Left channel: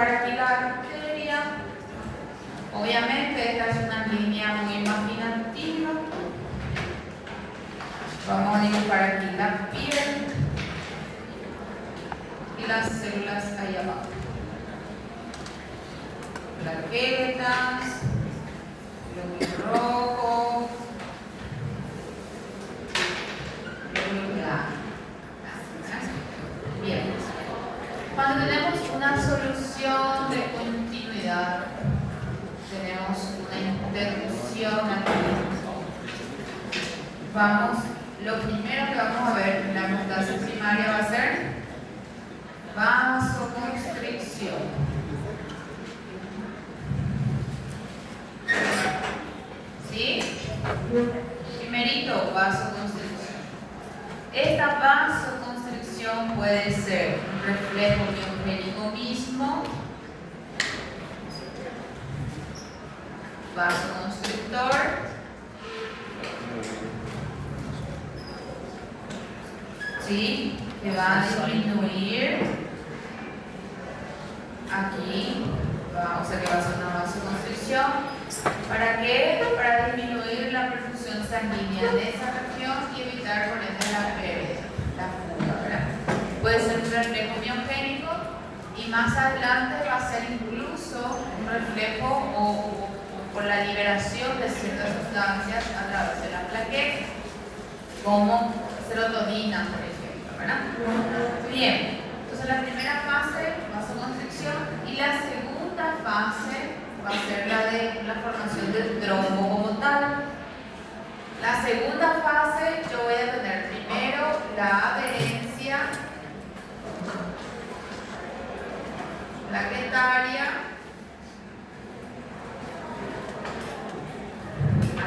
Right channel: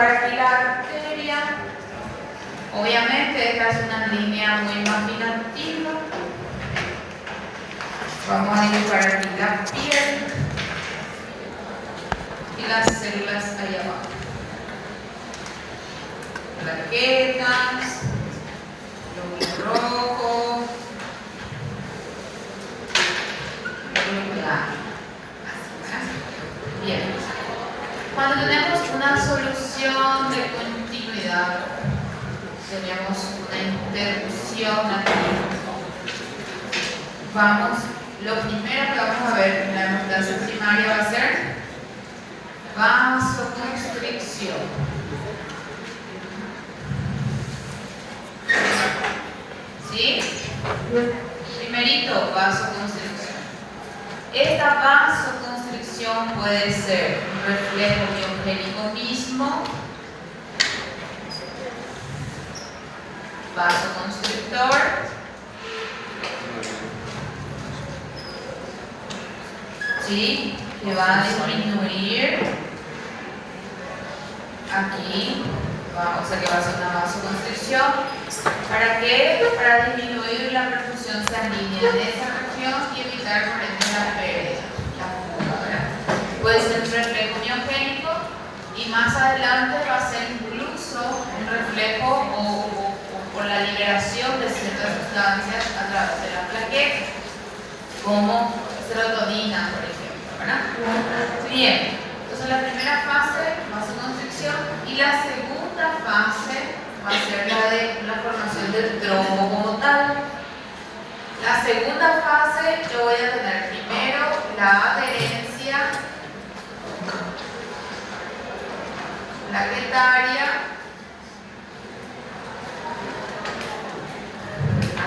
dibujar aquí la arteria. Obviamente esta es una línea muy imaginativa. Vamos a dibujar aquí la piel y las células ahí abajo. Plaquetas, glóbulo rojo, glóbulo blanco. Bien. Cuando tenemos una solución de continuidad, tenemos una interrupción aquí. Lo primero que vamos a ver en la clase primaria va a ser vasoconstricción. ¿Sí? Primerito, vasoconstricción. Esta vasoconstricción puede ser un reflejo biogénico mismo, vasoconstrictor, ¿sí? Que va a disminuir aquí, o sea que va a ser una vasoconstricción. ¿Para qué? Para disminuir la perfusión sanguínea en esa región y evitar por ende la pérdida, la fuga, ¿verdad? Puede ser un reflejo miogénico y más adelante va a ser incluso un reflejo o por la liberación de ciertas sustancias a través de la plaqueta, como serotonina, por ejemplo, ¿verdad? Bien, entonces la primera fase, vasoconstricción, y la segunda fase va a ser la de la formación del trombo como tal. La segunda fase yo voy a tener primero la adherencia plaquetaria.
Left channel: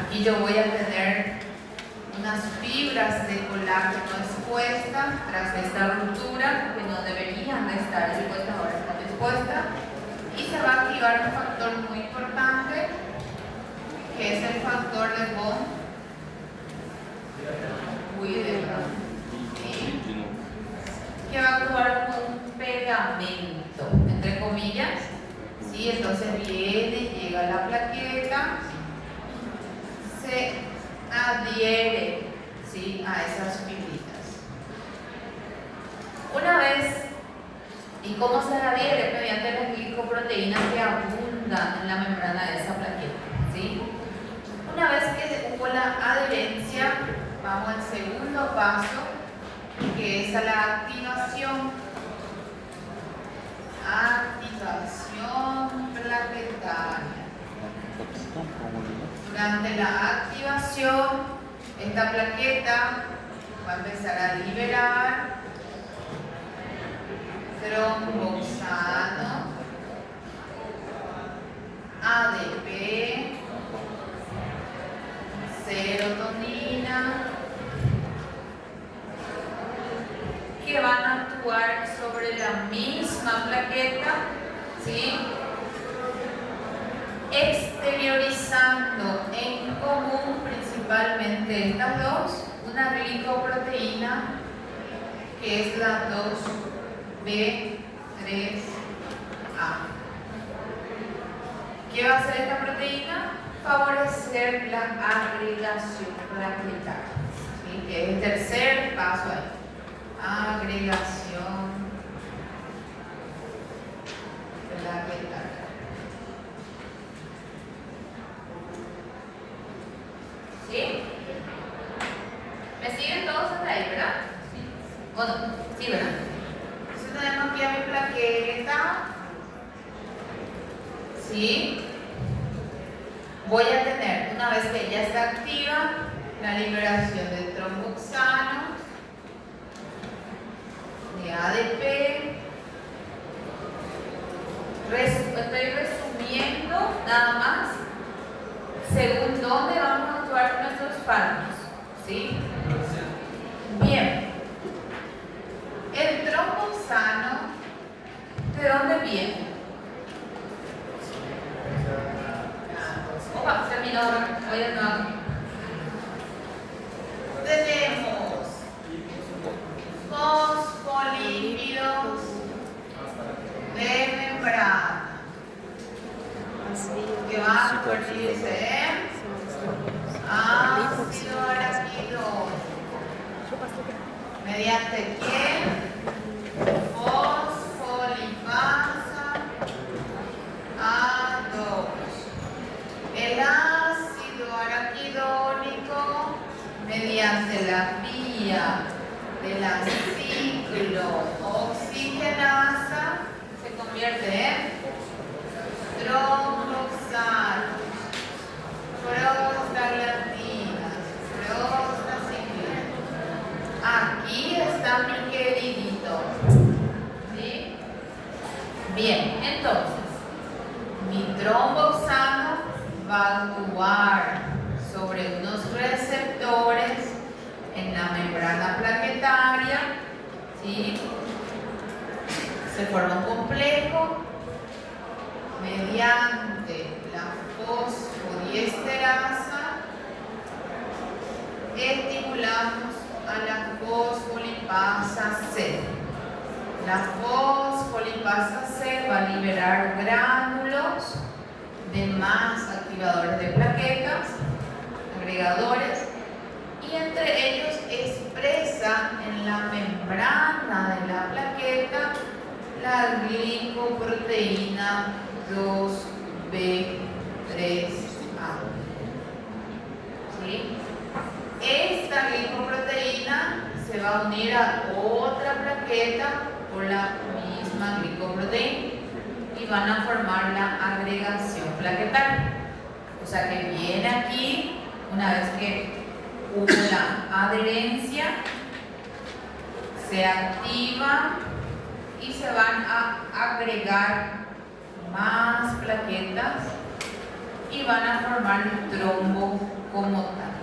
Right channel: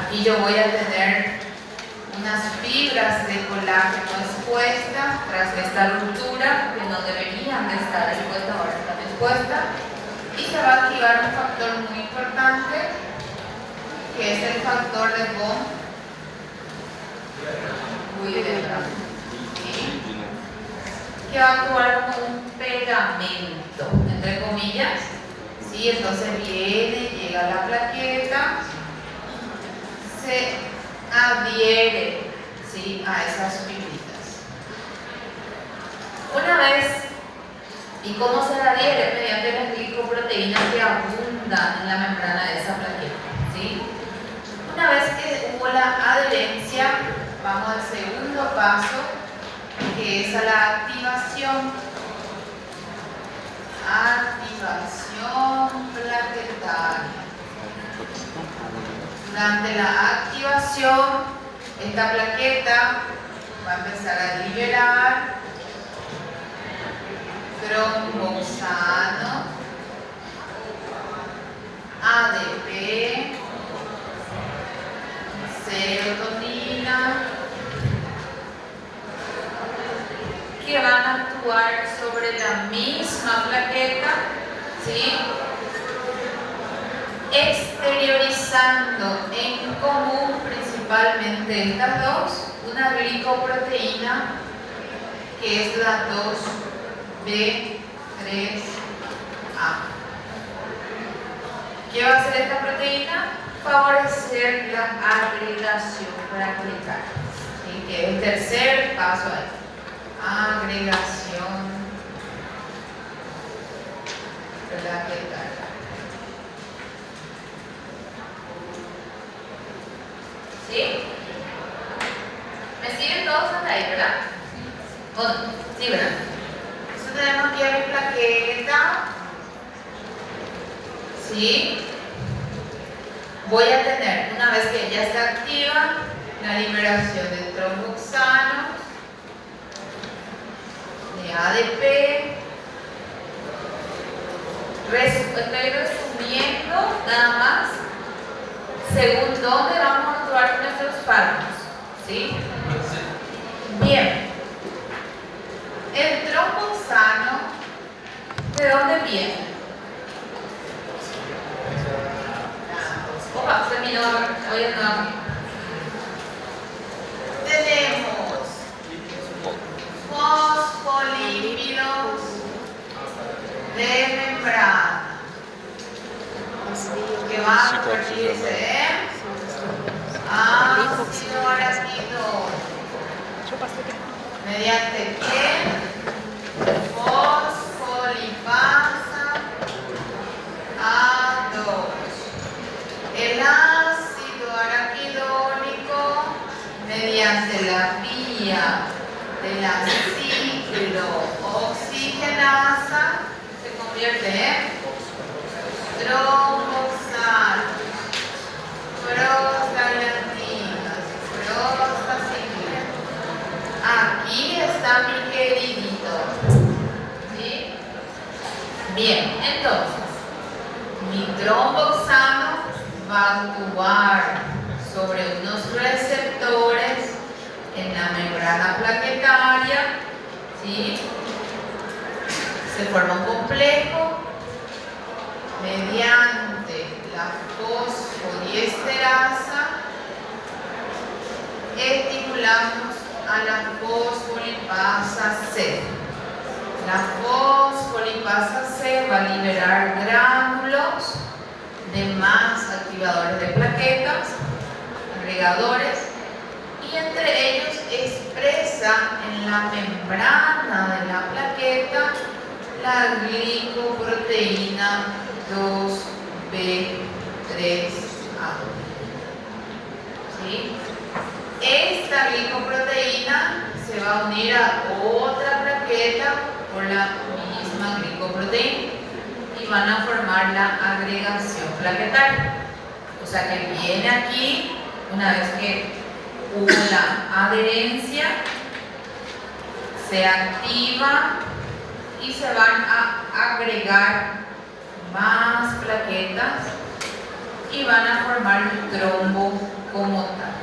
Aquí yo voy a tener unas fibras de colágeno expuestas tras esta ruptura, que no deberían de estar expuestas, ahora están expuestas, y se va a activar un factor muy importante, que es el factor de von Willebrand, ¿sí? Que va a actuar como un pegamento, entre comillas, ¿sí? Entonces viene, llega a la plaqueta, se adhiere, ¿sí? A esas fibritas. Una vez, ¿y cómo se adhiere? Mediante las glicoproteínas que abundan en la membrana de esa plaqueta, ¿sí? Una vez que hubo la adherencia, vamos al segundo paso, que es a la activación. Activación plaquetaria. Durante la activación, esta plaqueta va a empezar a liberar tromboxano, ADP, serotonina, que van a actuar sobre la misma plaqueta, ¿sí? Exteriorizando en común principalmente estas dos, una glicoproteína que es la 2B3A. ¿Qué va a hacer esta proteína? Favorecer la agregación plaquetaria, ¿sí? Que es el tercer paso ahí. Agregación plaquetaria. ¿Sí? ¿Me siguen todos hasta ahí, verdad? Bueno, sí, ¿verdad? Entonces tenemos aquí a mi plaqueta. ¿Sí? Voy a tener, una vez que ya está activa, la liberación de tromboxano, de ADP. Estoy resumiendo nada más según dónde vamos a actuar nuestros fármacos, ¿sí? Bien, el tromboxano, ¿de dónde viene? Opa, terminó, hoy no. Tenemos fosfolípidos de membrana que va a convertirse en ácido araquidónico. ¿Mediante qué? Fosfolipasa A2. El ácido araquidónico, mediante la vía de la ciclooxigenasa, se convierte en tromboxanos, prostaglandinas, prostaciclinas. Aquí está mi queridito. ¿Sí? Bien, entonces, mi tromboxano va a actuar sobre unos receptores en la membrana plaquetaria, ¿sí? Se forma un complejo mediante la fosfodiesterasa. Estimulamos a la fosfolipasa C. La fosfolipasa C va a liberar gránulos de más activadores de plaquetas, agregadores, y entre ellos expresa en la membrana de la plaqueta la glicoproteína 2B3A. ¿Sí? Esta glicoproteína se va a unir a otra plaqueta por la misma glicoproteína y van a formar la agregación plaquetaria. O sea que viene aquí, una vez que hubo la adherencia, se activa y se van a agregar más plaquetas y van a formar el trombo como tal.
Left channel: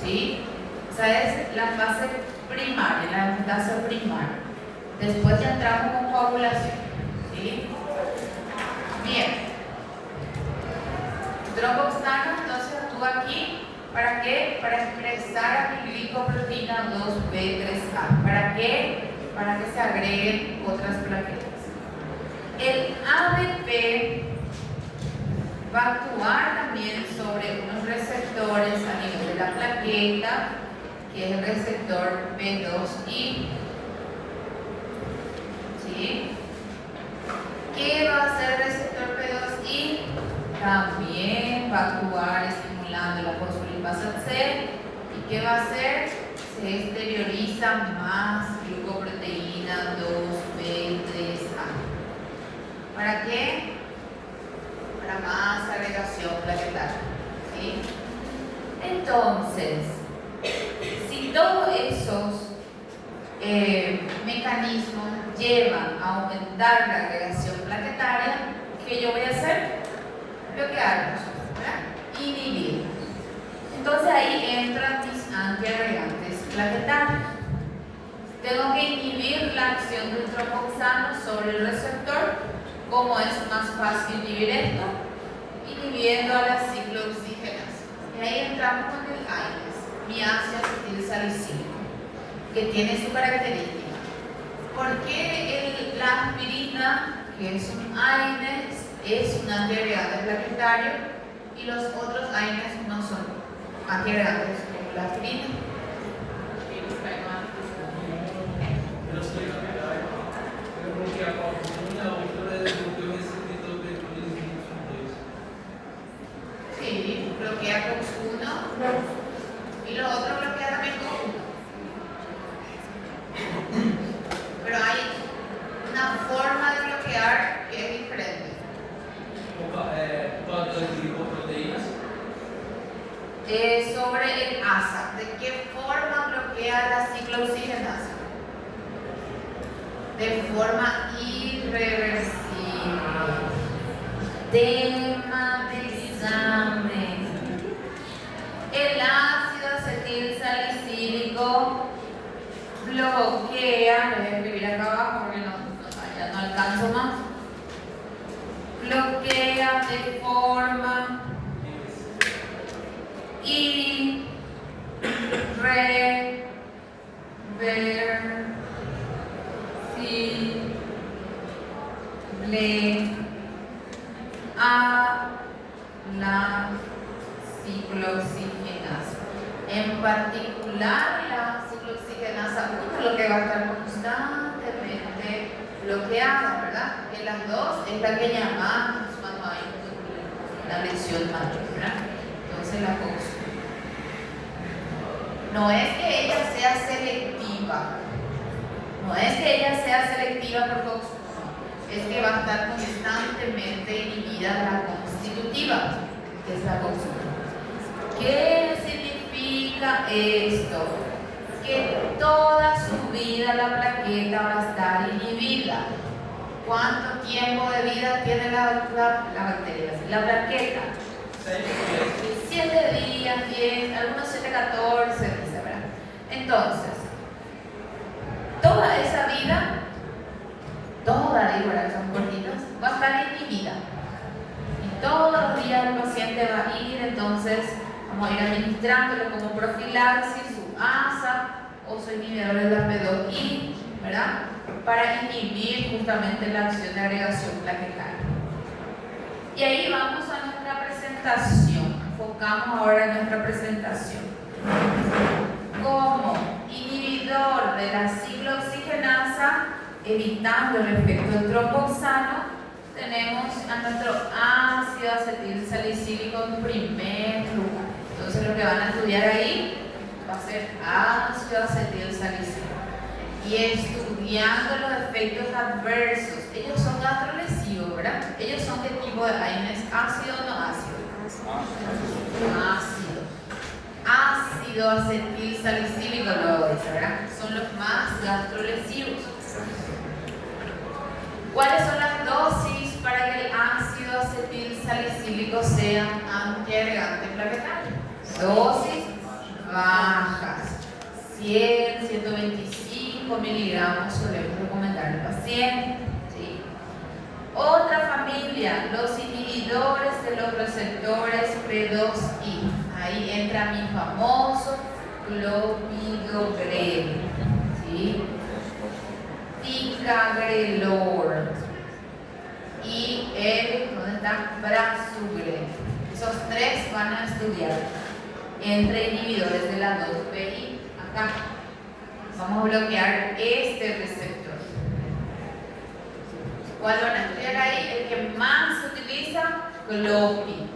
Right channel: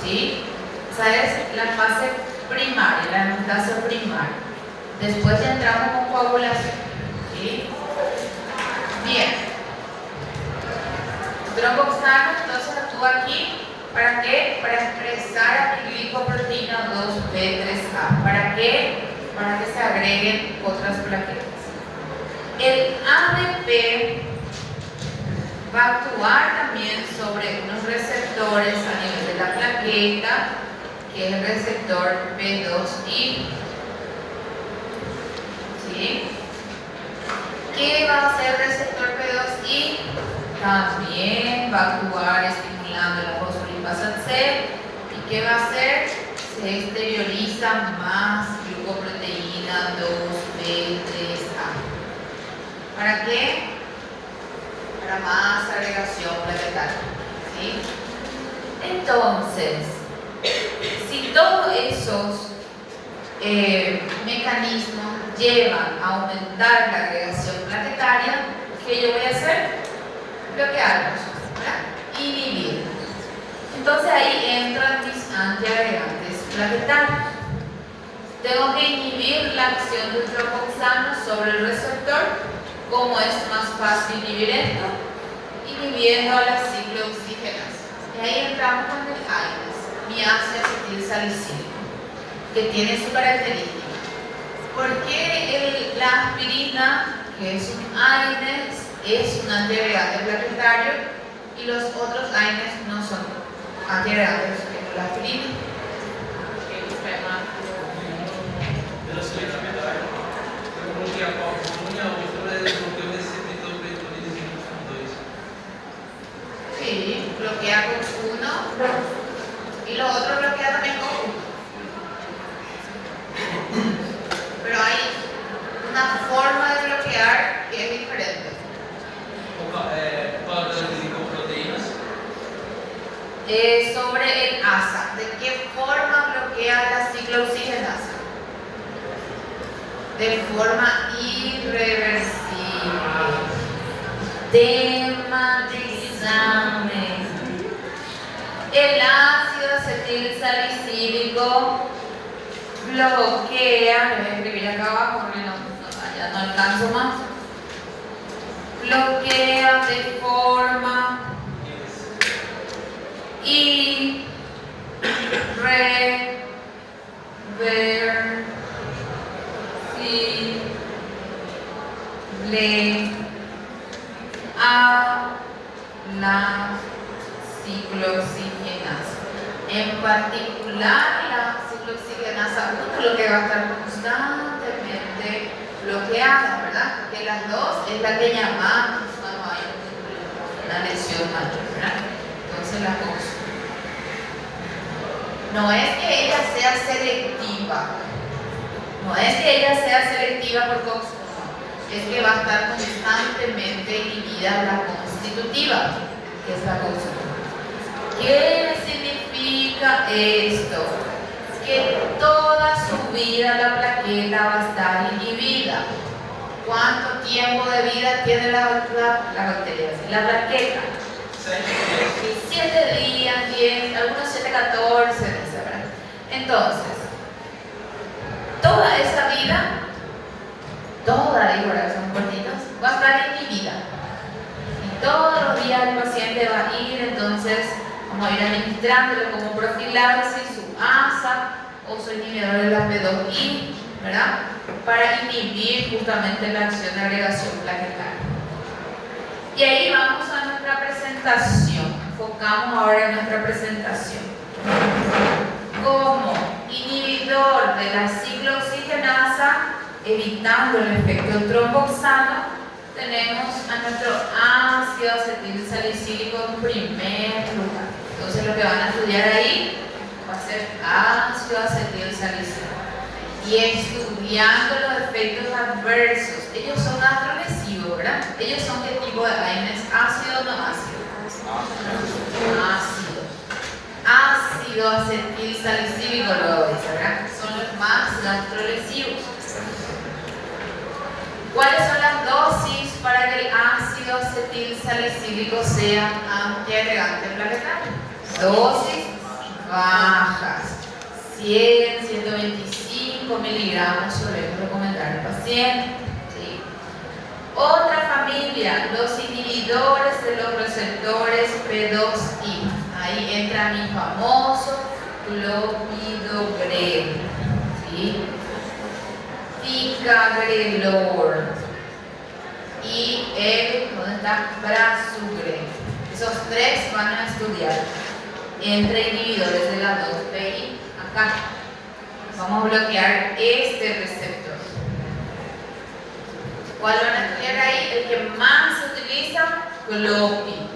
¿Sí? Esa es la fase primaria, la metastasa primaria. Después ya entramos con coagulación. ¿Sí? Bien. Tromboxano entonces actúa aquí. ¿Para qué? Para expresar a mi glicoproteína 2B3A. ¿Para qué? Para que se agreguen otras plaquetas. El ADP va a actuar también sobre unos receptores a nivel de la plaqueta, que es el receptor P2I. ¿Sí? ¿Qué va a hacer el receptor P2I? También va a actuar estimulando la fosfolipasa C. ¿Y qué va a hacer? Se exterioriza más glucoproteína 2B3A. ¿Para qué? Para más agregación plaquetaria. ¿Sí? Entonces, si todos esos mecanismos llevan a aumentar la agregación plaquetaria, ¿qué yo voy a hacer? Bloquearlos, ¿verdad? Inhibir. Entonces ahí entran mis antiagregantes plaquetarios. Tengo que inhibir la acción del tromboxano sobre el receptor. ¿Cómo es más fácil inhibir esto? Inhibiendo a la ciclooxigenasa. Y ahí entramos con el AINES, mi ácido acetilsalicílico, que tiene su característica. ¿Por qué la aspirina, que es un AINES, es un antiagregante plaquetario y los otros AINES no son antiagregantes como la aspirina? Sí, bloquea con uno y lo otro bloquea también con uno. Pero hay una forma de bloquear que es diferente. ¿Cuál es la glicoproteínas? Sobre el ASA, ¿de qué forma bloquea la ciclooxigenasa? De forma irreversible. Tematizame. El ácido acetilsalicílico bloquea, lo voy a escribir acá abajo porque ya no alcanzo más. Bloquea de forma irreversible a la ciclooxigenasa. En particular, la ciclooxigenasa 1 lo que va a estar constantemente bloqueada, ¿verdad? Porque las dos es la que llamamos cuando hay una lesión mayor, ¿verdad? Entonces la COX. No es que ella sea selectiva, no es que ella sea selectiva por COX, es que va a estar constantemente inhibida la constitutiva, que es la COX. ¿Qué significa esto? Que toda su vida la plaqueta va a estar inhibida. ¿Cuánto tiempo de vida tiene la bacteria? La plaqueta. 7 días, 10, algunos 7, 14, etc. Entonces, toda esa vida, toda, digo, ahora que son cortitos, va a estar inhibida. Y todos los días el paciente va a ir, entonces, vamos a ir administrándole como profilaxis su ASA o su inhibidor de la P2I, ¿verdad? Para inhibir justamente la acción de agregación plaquetaria. Y ahí vamos a nuestra presentación. Enfocamos ahora en nuestra presentación. Como inhibidor de la ciclooxigenasa, evitando el efecto tromboxano, tenemos a nuestro ácido acetilsalicílico en primer lugar. Entonces lo que van a estudiar ahí va a ser ácido acetilsalicílico. Y estudiando los efectos adversos. Ellos son gastrolesivos, ¿verdad? Ellos son ¿qué tipo de iones? ¿Ácido o no ácido? Ácido. Ácido acetilsalicílico lo dice, ¿verdad? Son los más gastrolesivos. ¿Cuáles son las dosis para que el ácido acetilsalicílico sea antiagregante plaquetario? Dosis bajas. 100, 125 miligramos solemos recomendar al paciente. ¿Sí? Otra familia, los inhibidores de los receptores P2I. Ahí entra mi famoso clopidogrel. ¿Sí? Ticagrelor y el, ¿dónde está? Prasugrel. Esos tres van a estudiar entre inhibidores de la 2PI. Acá vamos a bloquear este receptor. ¿Cuál van a estudiar ahí? El que más se utiliza, clopidogrel.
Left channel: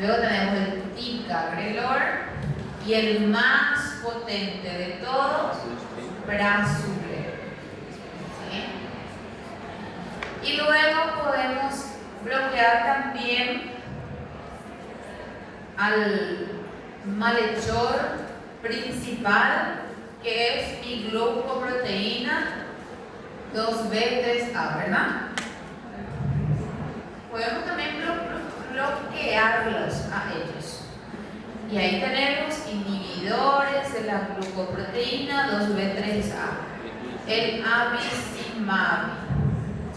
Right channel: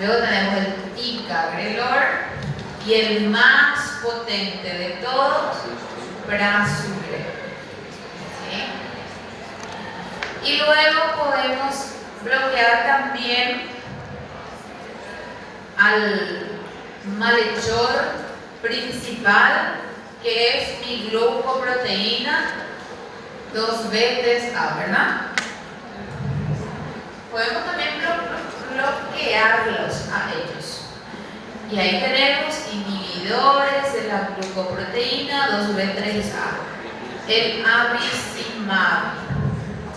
Luego tenemos el ticagrelor y el más potente de todos, prasugrel. ¿Sí? Y luego podemos bloquear también al malhechor principal, que es mi glucoproteína 2B3A, ¿verdad? Podemos también bloquearlos a ellos. Y ahí tenemos inhibidores de la glucoproteína 2B3A. El abicimab,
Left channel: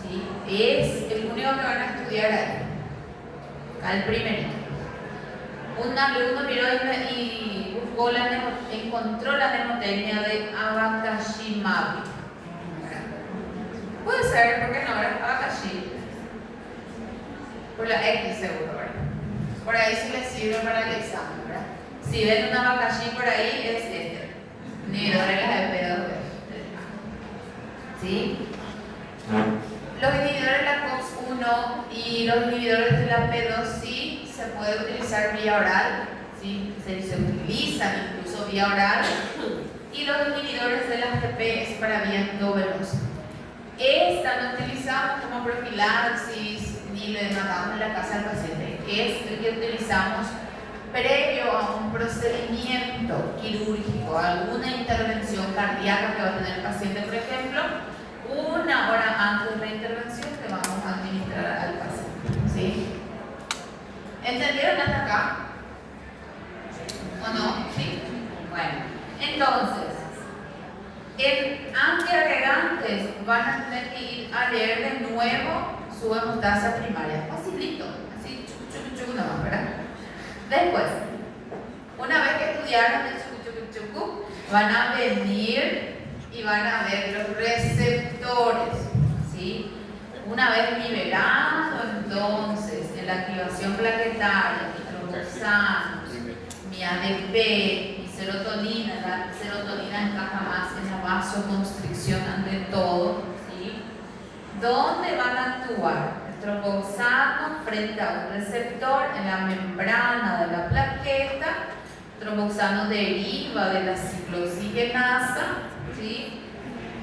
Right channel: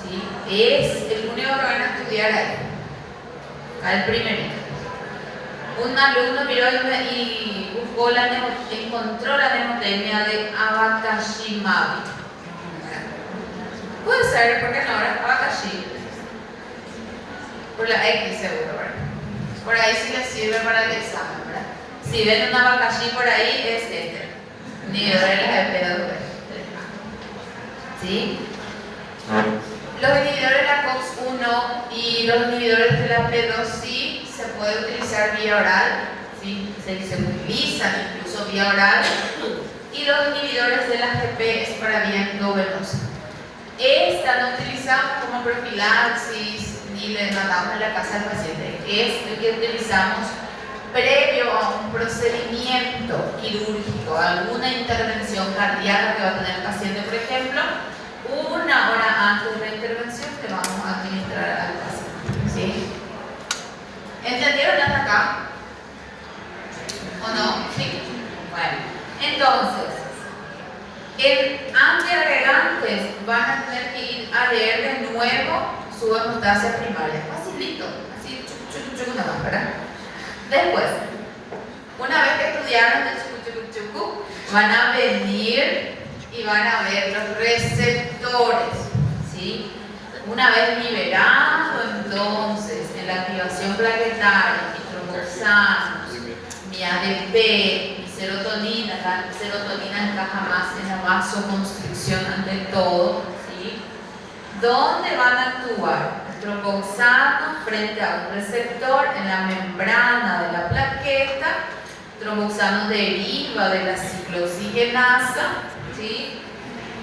¿sí? Es el único que van a estudiar ahí. Al primerito. Un alumno miró y buscó encontró la mnemotecnia de abacashimab. Puede ser, porque no era abacashi. Por la X seguro, ¿verdad? Por ahí sí les sirve para el examen, ¿verdad? Si ven un abacashi por ahí, es este. Inhibidor de la P2. ¿Sí? Los inhibidores de la COX-1 y los inhibidores de la P2-C se puede utilizar vía oral, ¿sí? Se utilizan incluso vía oral, y los inhibidores de la GP es para vía endovenosa. Esta no utilizamos como profilaxis ni le mandamos a la casa al paciente, es el que utilizamos previo a un procedimiento quirúrgico, alguna intervención cardíaca que va a tener el paciente, por ejemplo, 1 hora antes de la intervención que vamos a administrar al paciente. ¿Sí? ¿Entendieron hasta acá? ¿O no? ¿Sí? Bueno, entonces, el antiagregantes van a tener que ir a leer de nuevo su hemostasia primaria. Facilito, así, chucu, nada más, ¿verdad? Después, una vez que estudiaron de chucu, van a venir y van a ver los receptores, ¿sí? Una vez liberado, entonces, en la activación plaquetaria, mis tromboxanos, mi ADP, mi serotonina, la serotonina encaja más en la vasoconstricción ante todo, ¿sí? ¿Dónde van a actuar? El tromboxano frente a un receptor en la membrana de la plaqueta. Tromboxano deriva de la ciclooxigenasa, ¿sí?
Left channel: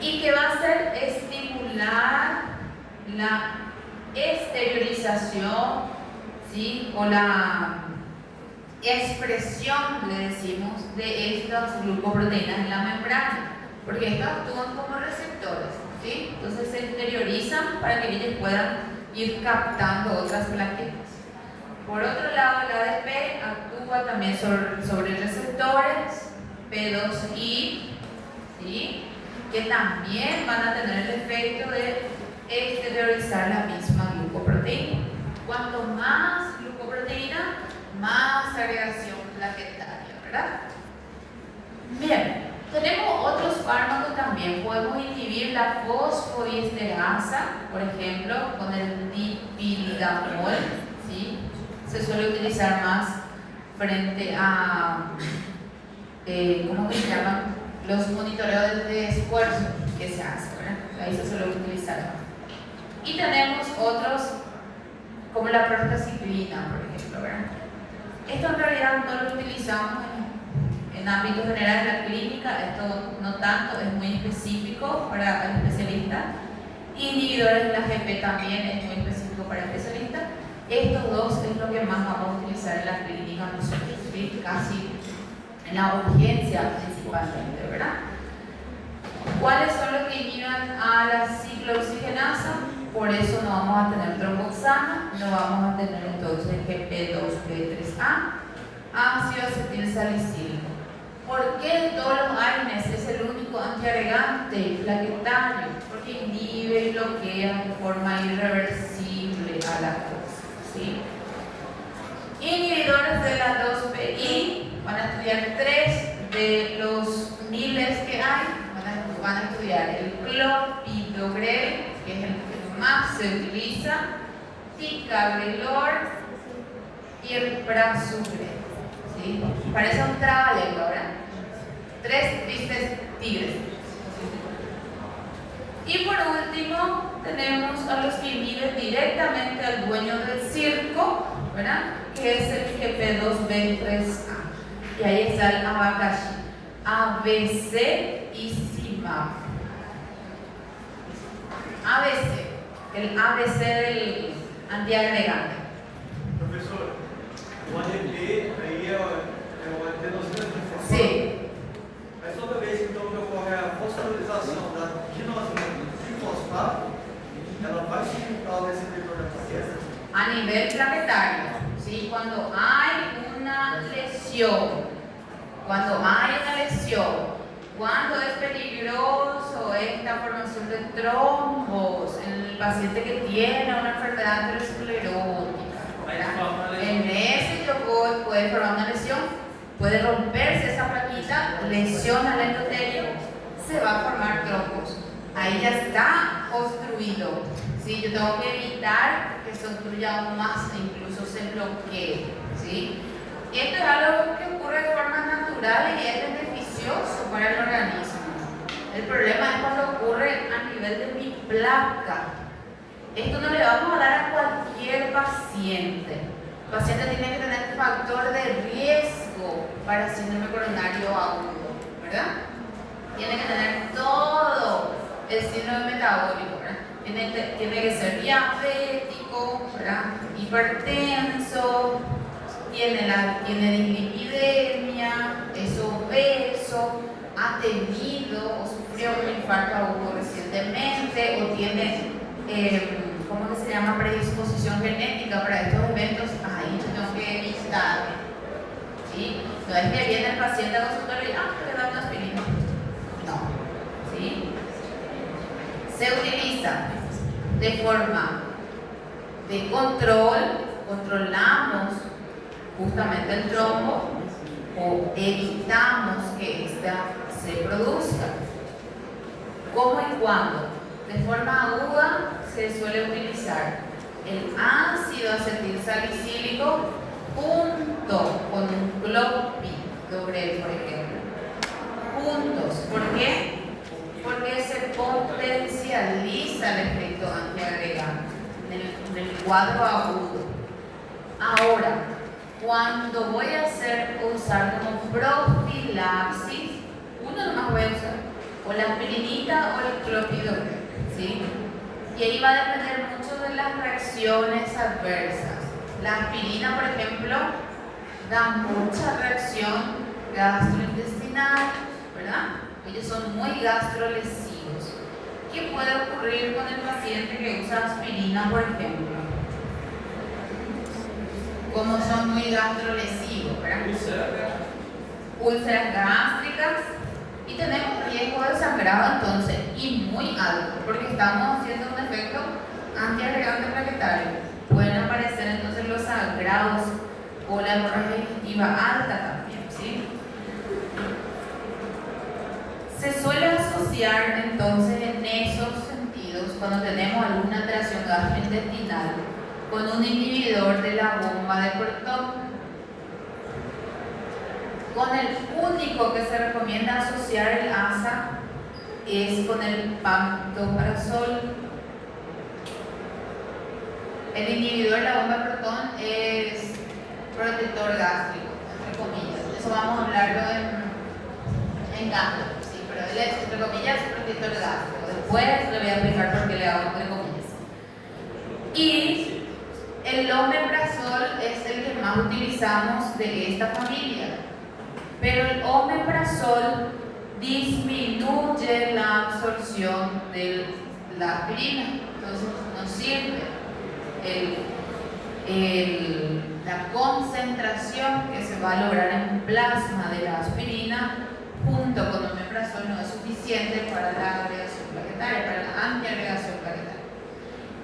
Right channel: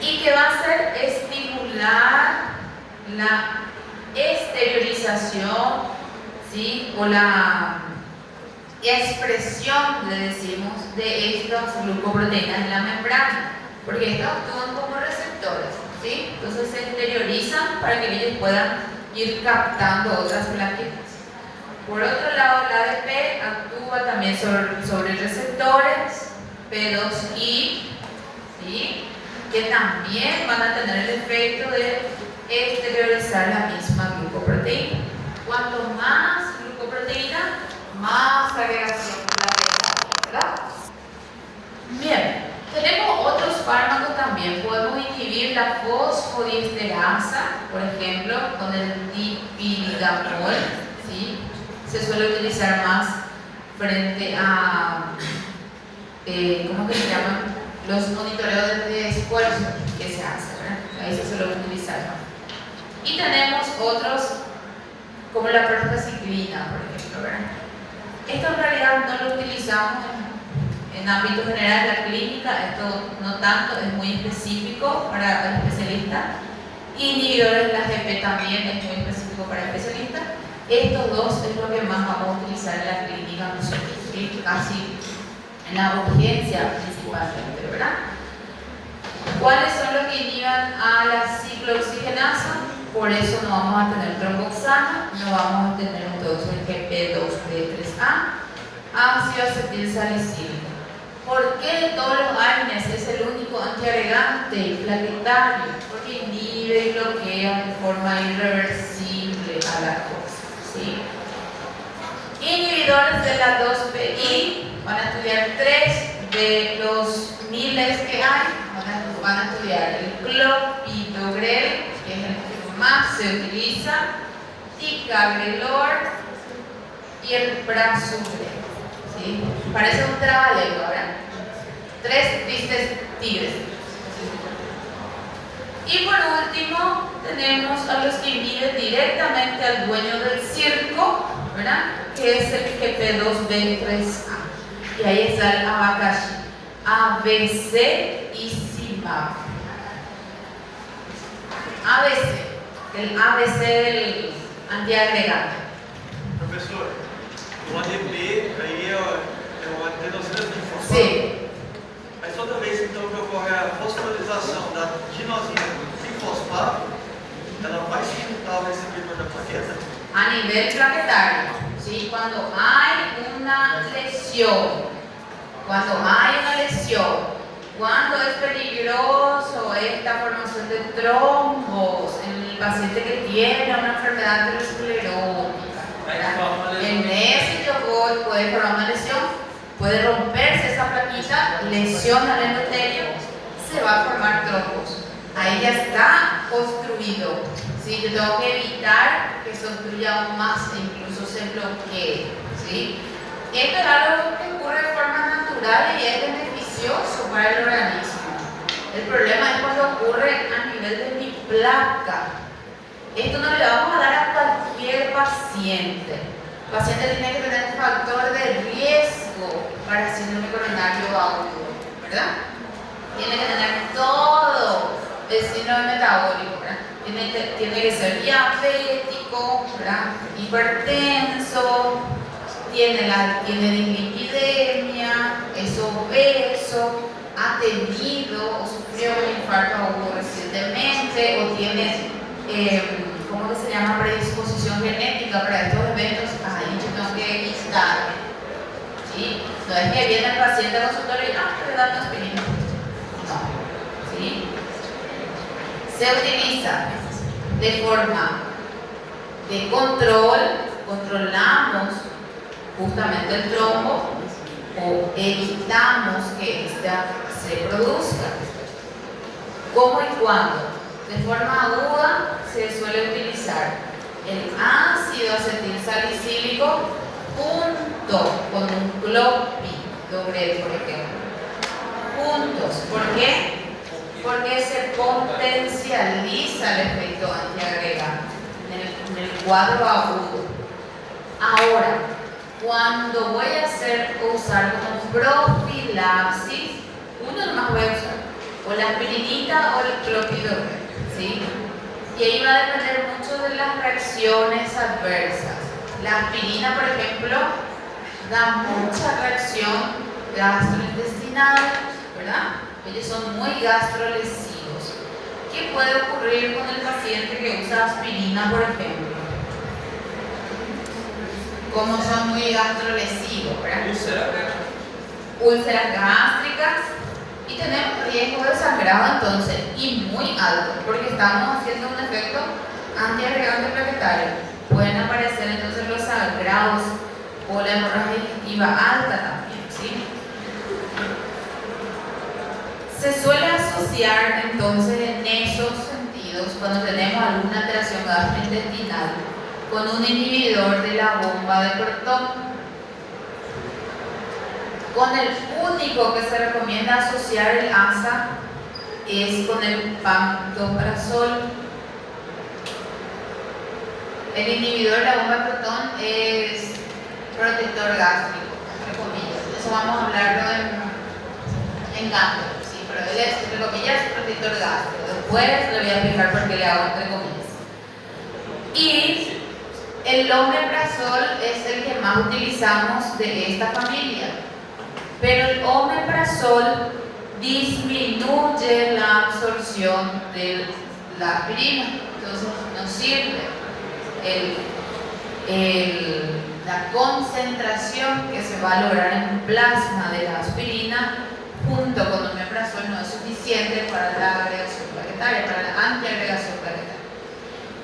Y que va a hacer estimular la exteriorización, ¿sí? O la expresión, le decimos, de estas glucoproteínas en la membrana, porque estas actúan como receptores, ¿sí? Entonces se exteriorizan para que ellos puedan ir captando otras plaquetas. Por otro lado, el ADP actúa también sobre receptores P2I, ¿sí? Que también van a tener el efecto de exteriorizar la misma glucoproteína. Cuanto más glucoproteína, más agregación plaquetaria, ¿verdad? Bien, tenemos otros fármacos también. Podemos inhibir la fosfodiesterasa, por ejemplo, con el dipidamol, ¿sí? Se suele utilizar más frente a, ¿cómo que se llaman? Los monitoreos de esfuerzo que se hacen, ¿verdad? Ahí se suele utilizar más. Y tenemos otros, como la prostacyclina, por ejemplo, ¿verdad? Esto en realidad no lo utilizamos en ámbito general de la clínica, esto no tanto, es muy específico para el especialista. Inhibidores de la GP también es muy específico para el especialista. Estos dos es lo que más vamos a utilizar en la clínica nosotros, ¿sí? Casi en la urgencia principalmente, ¿verdad? ¿Cuáles son los que inhiban a la ciclooxigenasa? Por eso no vamos a tener tromboxano, no vamos a tener entonces el GP2B3A, ácido acetilsalicílico. ¿Por qué de todos los AINES es el único antiagregante plaquetario? Porque inhibe y bloquea de forma irreversible a la cosa, ¿sí? Inhibidores de la 2PI, van a estudiar 3 de los miles que hay, van a estudiar el clopidogrel, que es el que más se utiliza, ticagrelor y el prasugrel, ¿sí? Parece un trabalengua, ¿verdad? 3 tristes tigres. Y por último tenemos a los que inhiben directamente al dueño del circo, ¿verdad? Que es el GP2B3A. Y ahí está el abacaxi, ABC y CIMAP. ABC, el ABC del antiagregante. Professor, o ADP aí é o adenosina trifosfato. Sim. Mas toda vez então que ocorre a fosforilação da adenosina trifosfato, ela vai se juntar ao receptor da plaqueta? A nivel plaquetario, ¿sí? Cuando hay una lesión, cuando es peligroso esta formación de trombos en el paciente que tiene una enfermedad aterosclerótica, en ese que puede formar una lesión, puede romperse esa plaquita, lesiona el endotelio, se va a formar trombos. Ahí ya está obstruido, ¿sí? Yo tengo que evitar que se obstruya aún más e incluso se bloquee, ¿sí? Esto es algo que ocurre de forma natural y es beneficioso para el organismo. El problema es cuando ocurre a nivel de mi placa. Esto no le vamos a dar a cualquier paciente. El paciente tiene que tener un factor de riesgo para síndrome coronario agudo, ¿verdad? Tiene que tener todo el síndrome metabólico, ¿verdad? Tiene que ser diabético, ¿verdad? Hipertenso, tiene dislipidemia, es obeso, ha tenido o sufrió un infarto agudo recientemente o tiene, ¿cómo que se llama? Predisposición genética para estos eventos. Ahí yo tengo que evitar, ¿sí? No es que viene el paciente al consultorio y estoy dando aspirina. No, ¿sí? Se utiliza de forma de control, controlamos justamente el trombo o evitamos que ésta se produzca. ¿Cómo y cuándo? De forma aguda se suele utilizar el ácido acetilsalicílico junto con un clopidogrel, por ejemplo. Juntos. ¿Por qué? Porque se potencializa el efecto antiagregante en el cuadro agudo. Ahora, cuando voy a usar como profilaxis, uno nomás voy a usar o la aspirinita o el clopidogrel, ¿sí? Y ahí va a depender mucho de las reacciones adversas. La aspirina, por ejemplo, da mucha reacción gastrointestinal, ¿verdad? Ellos son muy gastrolesivos. ¿Qué puede ocurrir con el paciente que usa aspirina, por ejemplo? Como son muy gastrolesivos, ¿verdad? Úlceras gástricas, y tenemos riesgo de sangrado entonces, y muy alto, porque estamos haciendo un efecto antiagregante plaquetario. Pueden aparecer entonces los sangrados o la hemorragia digestiva alta también, ¿sí? Se suele asociar entonces en esos sentidos, cuando tenemos alguna alteración gastrointestinal, con un inhibidor de la bomba de Cortot. Con el único que se recomienda asociar el ASA es con el pantoprazol. El inhibidor de la bomba de Proton es protector gástrico, entre comillas. Eso vamos a hablarlo en gastro, sí, pero él es, entre comillas, protector gástrico. Después le voy a explicar por qué le hago entre comillas. Y el omeprazol es el que más utilizamos de esta familia. Pero el omeprazol disminuye la absorción de la aspirina, entonces no sirve. La concentración que se va a lograr en plasma de la aspirina junto con omeprazol no es suficiente para la agregación plaquetaria, para la antiagregación plaquetaria.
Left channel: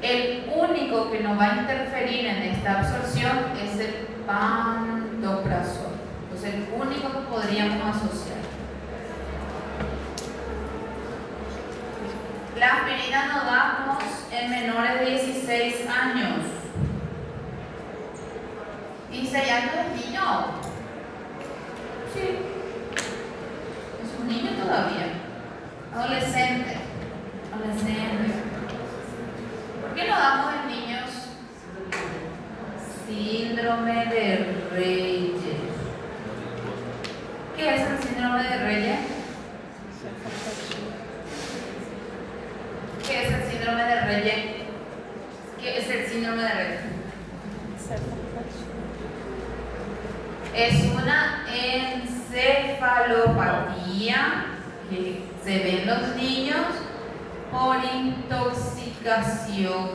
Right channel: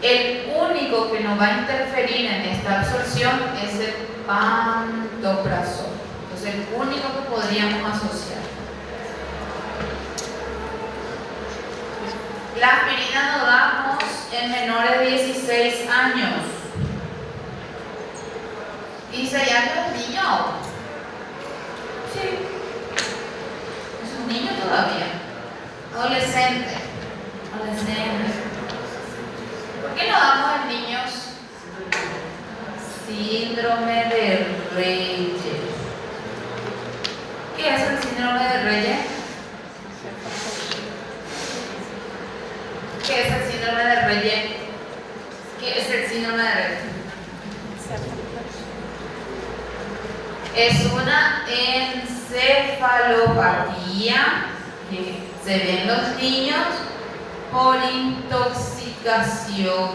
El único que nos va a interferir en esta absorción es el pantoprazol. Es el único que podríamos asociar. La aspirina nos damos en menores de 16 años. 16 años es niño. Sí. Es un niño todavía. Adolescente. ¿Por qué no damos en niños? Síndrome de Reyes. ¿Qué es el síndrome de Reyes? ¿Qué es el síndrome de Reyes? ¿Qué es el síndrome de Reyes? Es una encefalopatía que se ve en los niños por intoxicación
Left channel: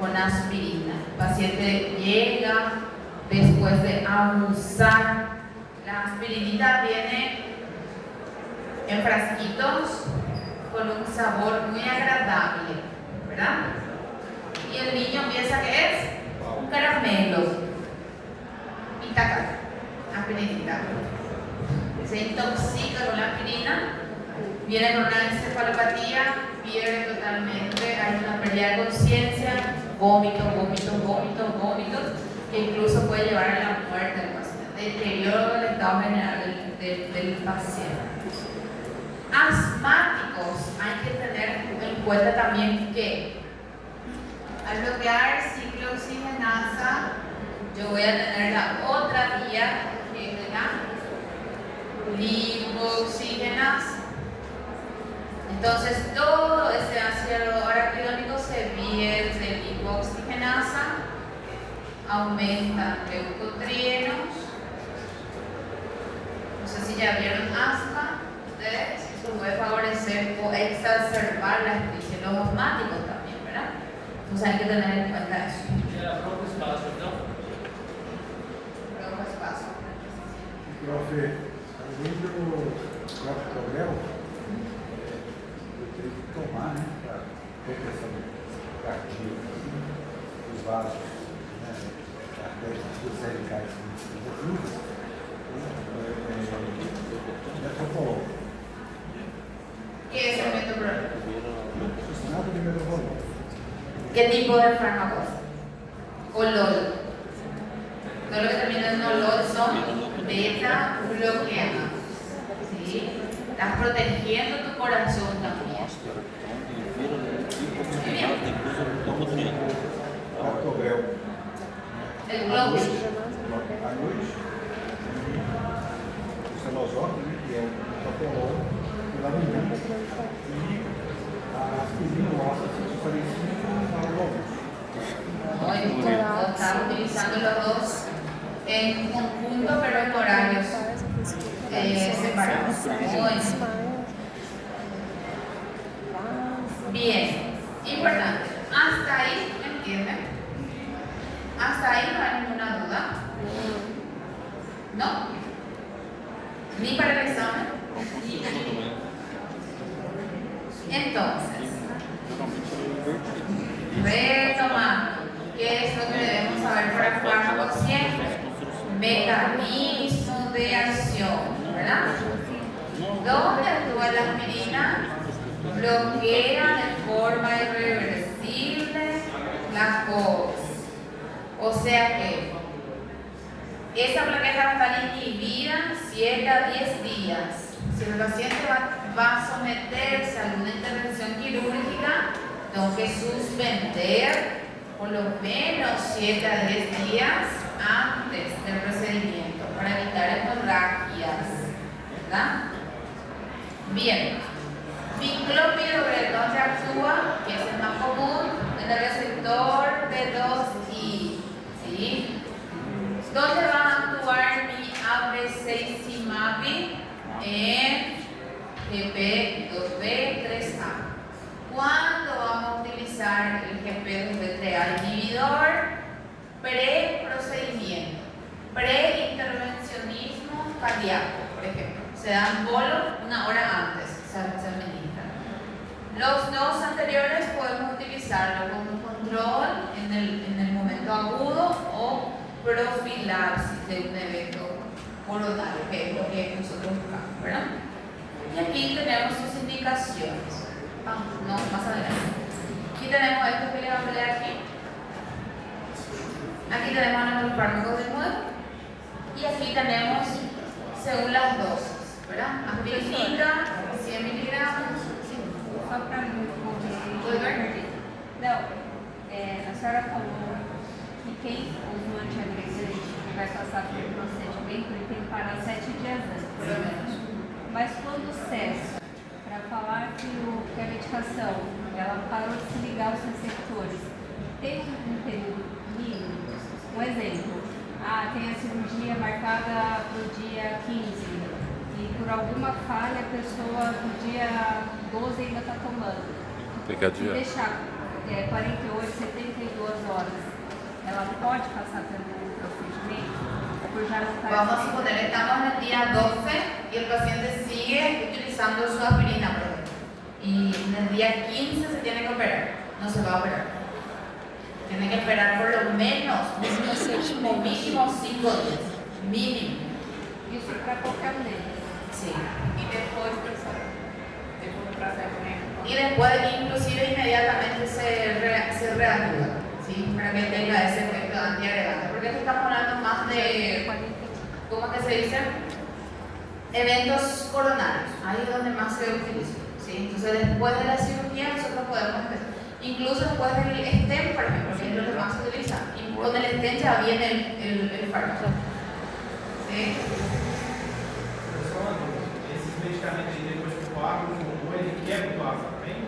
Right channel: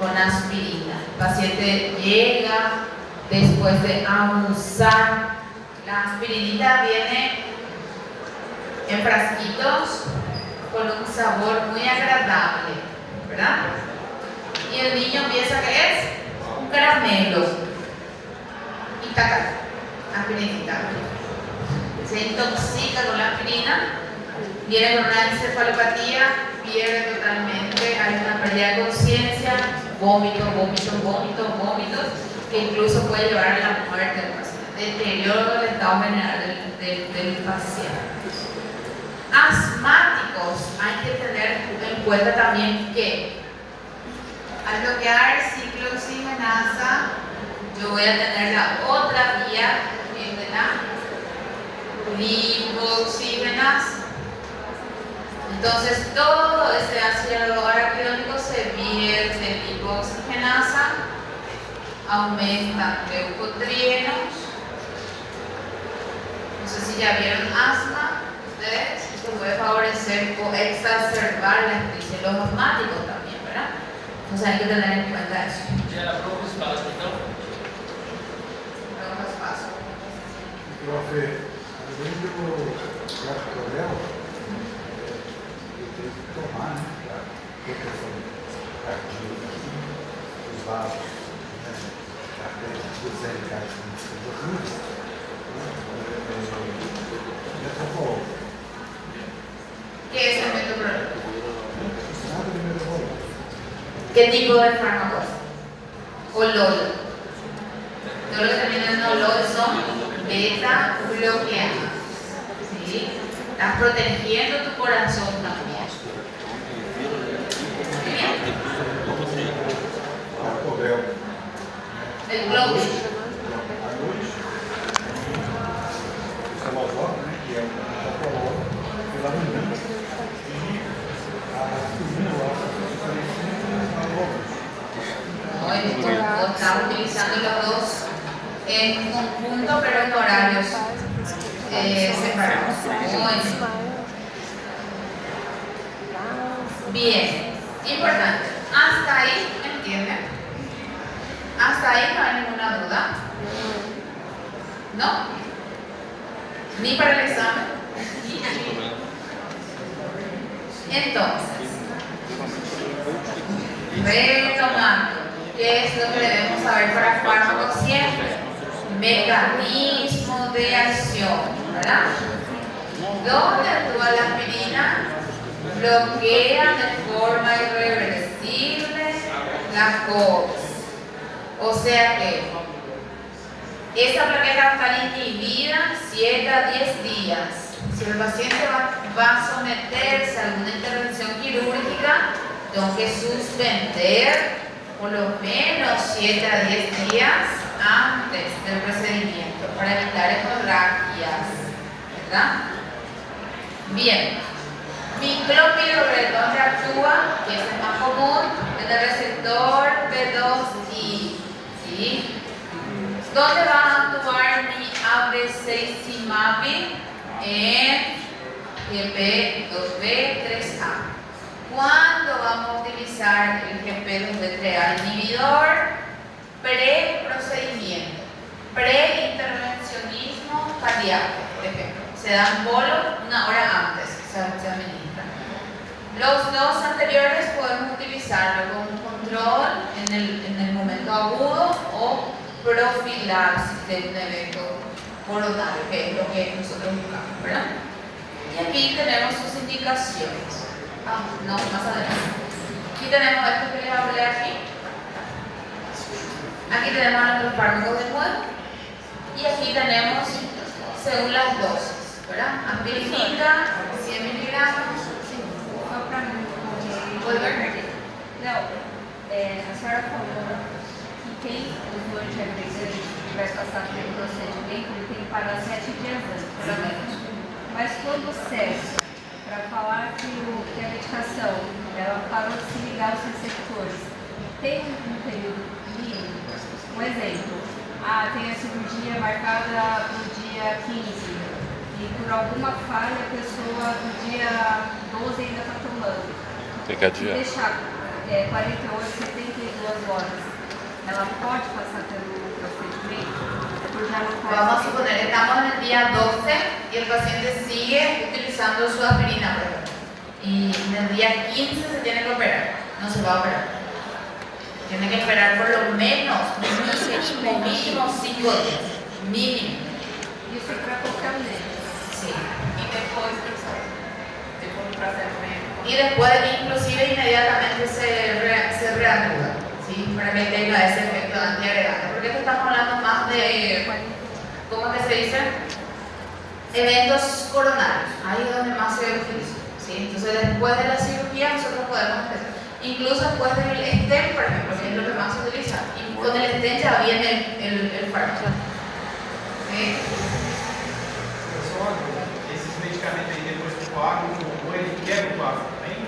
con aspirina. El paciente llega después de abusar. La aspirinita viene en frasquitos con un sabor muy agradable, ¿verdad? Y el niño piensa que es un caramelo. Y taca, aspirinita. Se intoxica con la aspirina, viene con una encefalopatía, pierde totalmente, hay una pérdida de conciencia, vómitos, que incluso puede llevar a la muerte del paciente. Deterioro del estado general del paciente. Asmáticos, hay que tener en cuenta también que al bloquear ciclooxigenasa, yo voy a tener la otra vía que es de la lipoxigenasa. Entonces todo ese ácido araquidónico se vierte en lipoxigenasa, aumentan leucotrienos. No sé si ya vieron asma, ustedes, eso puede favorecer o exacerbar la crisis de los asmáticos también, ¿verdad? Entonces hay que tener en cuenta eso. Ya, broncoespasmo, ¿no? Broncoespasmo. Profe, além dos problemas, eu tenho que tomar, né? Para proteção cardíaca, os vasos, né? Dos LKs muito ¿Qué es el ¿Qué tipo de fármaco es? Olol. Todo lo que termina en olol son beta bloqueantes. ¿Sí? Estás protegiendo tu corazón también. Bien. El Globus. A luz, o celosol, né, que é o metabolol, pela manhã, e a aspirina, o ácido salicílico, a luz. Muy bien. Estamos utilizando los dos en conjunto, pero en horarios separados. Muy bien. Importante. Hasta ahí, ¿entienden? Hasta ahí no hay ninguna duda. ¿No? Ni para el examen. Entonces, retomando, ¿qué es lo que debemos saber para fármacos siempre? Mecanismo de acción, ¿verdad? ¿Dónde actúa la aspirina? Bloquea de forma irreversible la COX. O sea que esa plaqueta va a estar inhibida 7 a 10 días. Si el paciente va a someterse a alguna intervención quirúrgica, tengo que suspender por lo menos 7 a 10 días antes del procedimiento para evitar hemorragias, ¿verdad? Bien, miclopidogrel, ¿dónde actúa? Que es el más común, en el receptor B2I, ¿sí? ¿Dónde va a actuar mi abrecicimab? En GP2B3A. ¿Cuándo vamos a utilizar el GP2B3A inhibidor? Pre-procedimiento, pre-intervencionismo cardíaco, por ejemplo. Se dan bolo una hora antes, se administra. Los dos anteriores podemos utilizarlo como control en el momento agudo o profilaxis de un evento coronario, que es lo que nosotros buscamos, ¿verdad? Y aquí tenemos sus indicaciones. No, más adelante. Aquí tenemos esto que les hablé aquí. Aquí tenemos nuestros fármacos de nuevo. Y aquí tenemos, según las dosis, ¿verdad? Aspirina, 100 miligramos. Só para não correr. Oi, Bernardo. Não, a senhora falou que quem usou antiagregante vai passar pelo procedimento, ele tem que parar 7 dias antes, pelo menos. Mas quando cessa, para falar que a medicação ela parou de se ligar aos receptores, tem um período mínimo? Um exemplo, tem a cirurgia marcada para o dia 15 e por alguma falha a pessoa no dia 12 ainda está tomando. Tem que adiar. Se deixar 48, 72 horas, ela pode passar pelo procedimento? Por já não estar. Vamos a suponer, estamos en el día 12 y el paciente sigue utilizando su aspirina, por ejemplo. Y en el día 15 se tiene que operar, no se va a operar. Tiene que esperar por lo menos, mínimo 5 días. Mínimo. Isso é para qualquer médico. Sí. Y después para hacer Y después, inclusive, inmediatamente se reanuda, ¿sí? Para que tenga ese efecto antiagregante. Porque esto estamos hablando más de, ¿cómo es que se dice? Eventos coronarios. Ahí es donde más se utiliza, ¿sí? Entonces, después de la cirugía, nosotros podemos empezar. Incluso después del stent, por ejemplo, que es lo que más se utiliza. Y con el stent ya viene el fármaco. ¿Sí? Esses medicamentos aí, depois que coagula, ele quebra o coágulo também?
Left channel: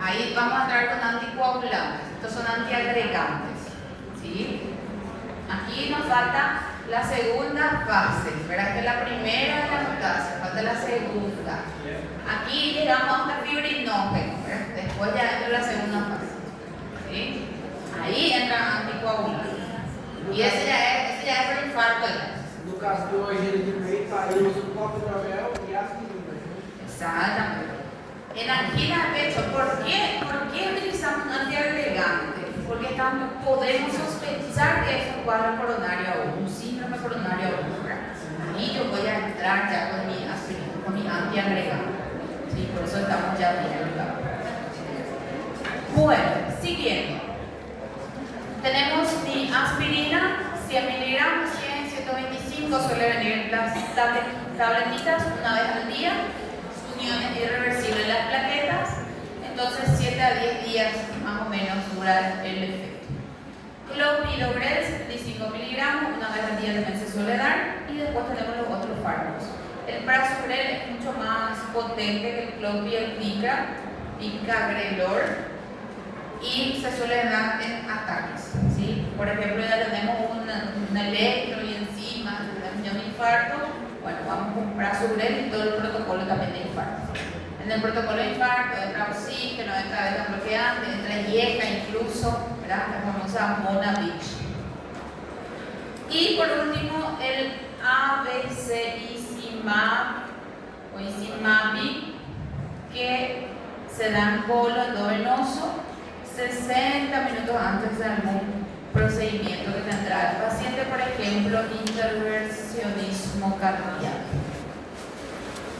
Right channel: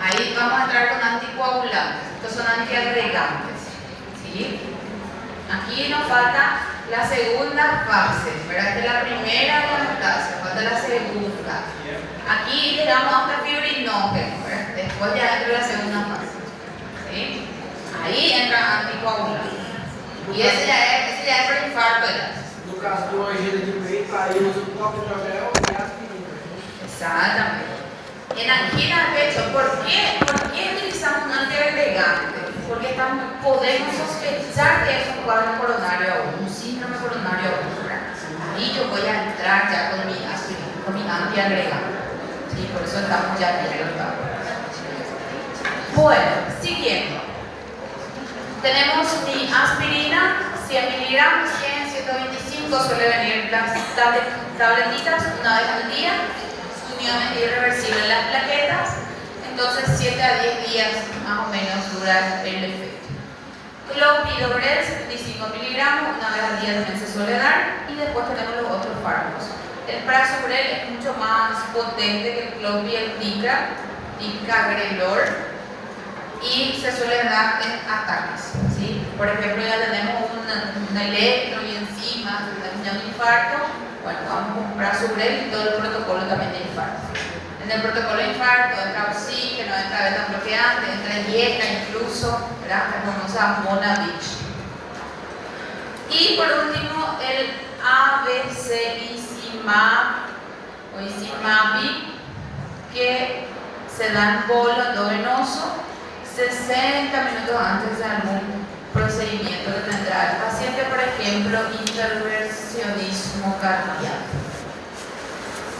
Ahí vamos a entrar con anticoagulantes. Estos son antiagregantes, ¿sí? Aquí nos falta la segunda fase, ¿verdad? Que es la primera diastasia, falta la segunda. Aquí llegamos hasta fibrinógeno, ¿verdad? Después ya entra la segunda fase, ¿sí? Ahí entran anticoagulantes. Y ese ya es por infarto ya. No caso de uma agenda de peito, aí usa um copo de anel e aspirina. Exactamente. En angina de pecho, ¿por qué utilizamos un antiagregante? Porque podemos sospechar que es un cuadro coronario agudo, un síndrome coronario agudo. Ahí yo voy a entrar ya con mi aspirina, con mi antiagregante. Sí, por eso estamos ya bien. Bueno, siguiendo. Tenemos mi aspirina, 100 miligramos, 100, 125, suele venir las tabletitas una vez al día, uniones irreversibles en las plaquetas, entonces 7 a 10 días más o menos dura el efecto. Clopidogrel, 75 miligramos, una vez al día también se suele dar, y después tenemos los otros fármacos. El prasugrel es mucho más potente que el clopidogrel, ticagrelor, y se suele dar en ataques, ¿sí? Por ejemplo, ya tenemos un electro y encima de un infarto, bueno, vamos con prasugrel y todo el protocolo también de infarto. En el protocolo de infarto entra oxígeno, entra beta bloqueante, entra IECA incluso, ¿verdad? La famosa Monavich. Y por último, el abcicimab o Izimabi, que se da en bolo endovenoso 60 minutos antes de algún procedimiento que tendrá el paciente, por ejemplo, intervencionismo cardíaco.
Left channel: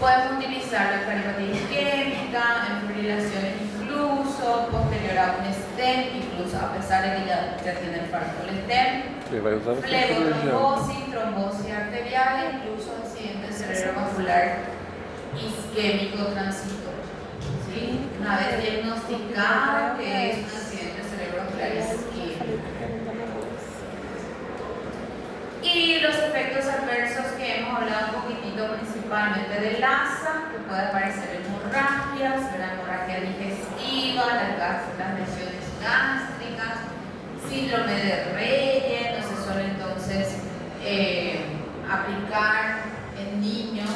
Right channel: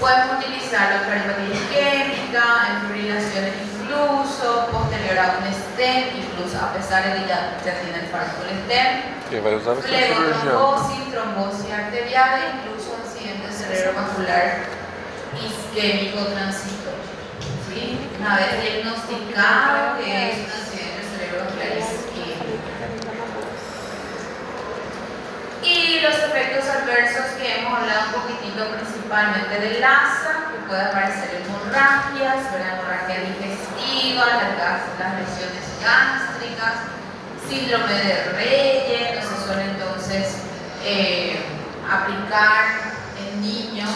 Podemos utilizarlo para hepatitis isquémica, en fibrilaciones incluso, posterior a un stent, incluso a pesar de que ya tiene el fármaco el stent. Quem vai usar vai ser o cirurgião. Flebotrombosis, trombosis arterial, incluso accidente cerebrovascular isquémico transitorio. ¿Sí? Una vez diagnosticado que es un accidente cerebrovascular isquémico. Y los efectos adversos que hemos hablado un poquitito principalmente del ASA, que puede aparecer hemorragias, hemorragia digestiva, las lesiones gástricas, síndrome de Reye, no se suele entonces aplicar en niños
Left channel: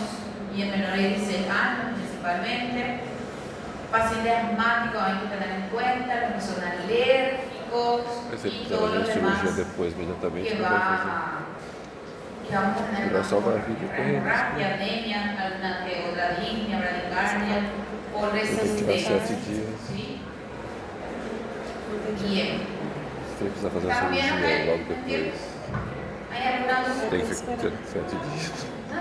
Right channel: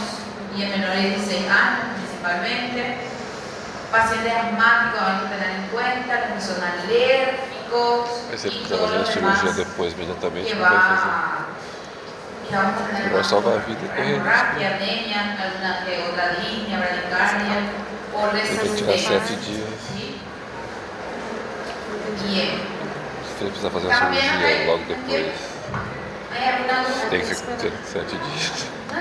y en menores de 16 años principalmente. Pacientes asmáticos hay que tener en cuenta, los que son alérgicos Mas se y quiser todo fazer lo a cirurgia demás depois, imediatamente, que não vai fazer. vamos a tener Vai salvar a vida terrena. hemorragia, anemia, alguna que otra disnea, bradicardia, o Tem que tirar resuscitación. 7 dias. ¿Sí? Bien. Se ele precisar fazer uma También cirurgia hay, logo depois, hay alguna duda. tem que ter 7 dias. No,